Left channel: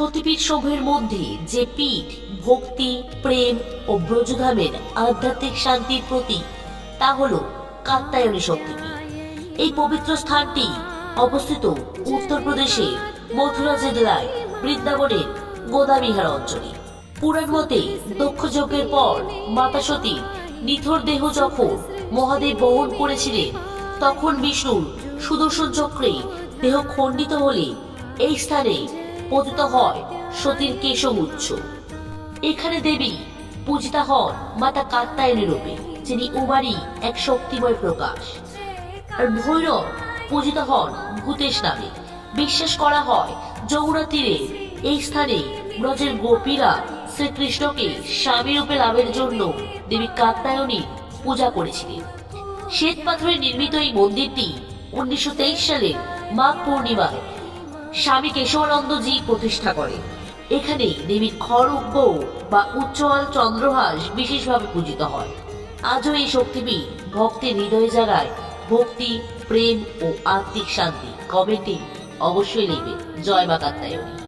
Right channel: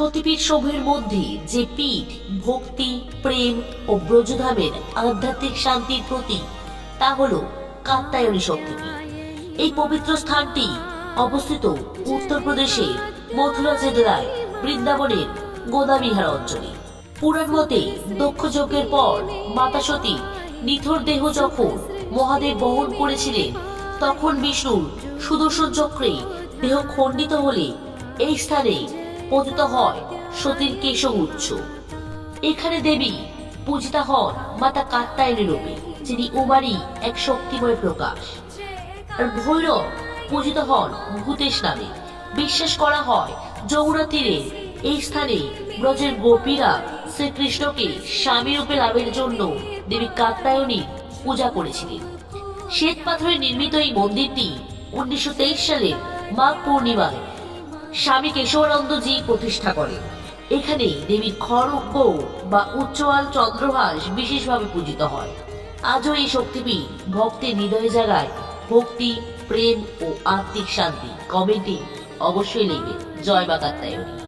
সতীপীঠ সমূহের মধ্যে যে পীঠ ভক্তি, প্রেম ও ব্রজধামের আধ্যাত্মিক শান্তির প্রতীক তা হল কাত্যায়নী শক্তিপীঠ। এই পবিত্র স্থানটি অবস্থিত উত্তরপ্রদেশের মথুরা জেলায় বৃন্দাবনের গোদাবিহার অঞ্চলে। পুরাণ মতে দক্ষ যজ্ঞের পর মাতা সতীর নিথর দেহ যখন মহাদেব বহন করেছিলেন, তখন বিষ্ণুর সুদর্শন চক্রে দেহ খণ্ডিত হলে এই স্থানে পতিত হয় সতীর কেশগুচ্ছ। এখানে দেবী পূজিতা হন মাতা কাত্যায়নী রূপে, যিনি উমারই এক শক্তিময় প্রকাশ। আর ভৈরব পূজিত হন ভূতেশ নামে। বিশ্বাস করা হয় যমুনা তীরে এই স্থানে ব্রজের গোপীরা শ্রীকৃষ্ণকে স্বামী রূপে লাভের জন্য দেবী কাত্যায়নীর পূজা করেছিলেন। শ্বেত পাথরে নির্মিত এই মন্দিরটি 1923 সালের মাঘ পূর্ণিমায় স্বামী কেশবানন্দজি প্রতিষ্ঠা করেন। এখানে দেবীর খড়গ বা উচ্চআল চন্দ্রহাস বিশেষভাবে পূজিত হয়। আজও এই শক্তিপীঠ ভক্তের হৃদয়ে জাগায় ভক্তি, প্রেম ও আত্মিক শান্তি। কমেন্টে অবশ্যই লিখবেন জয় মা কাত্যায়নী।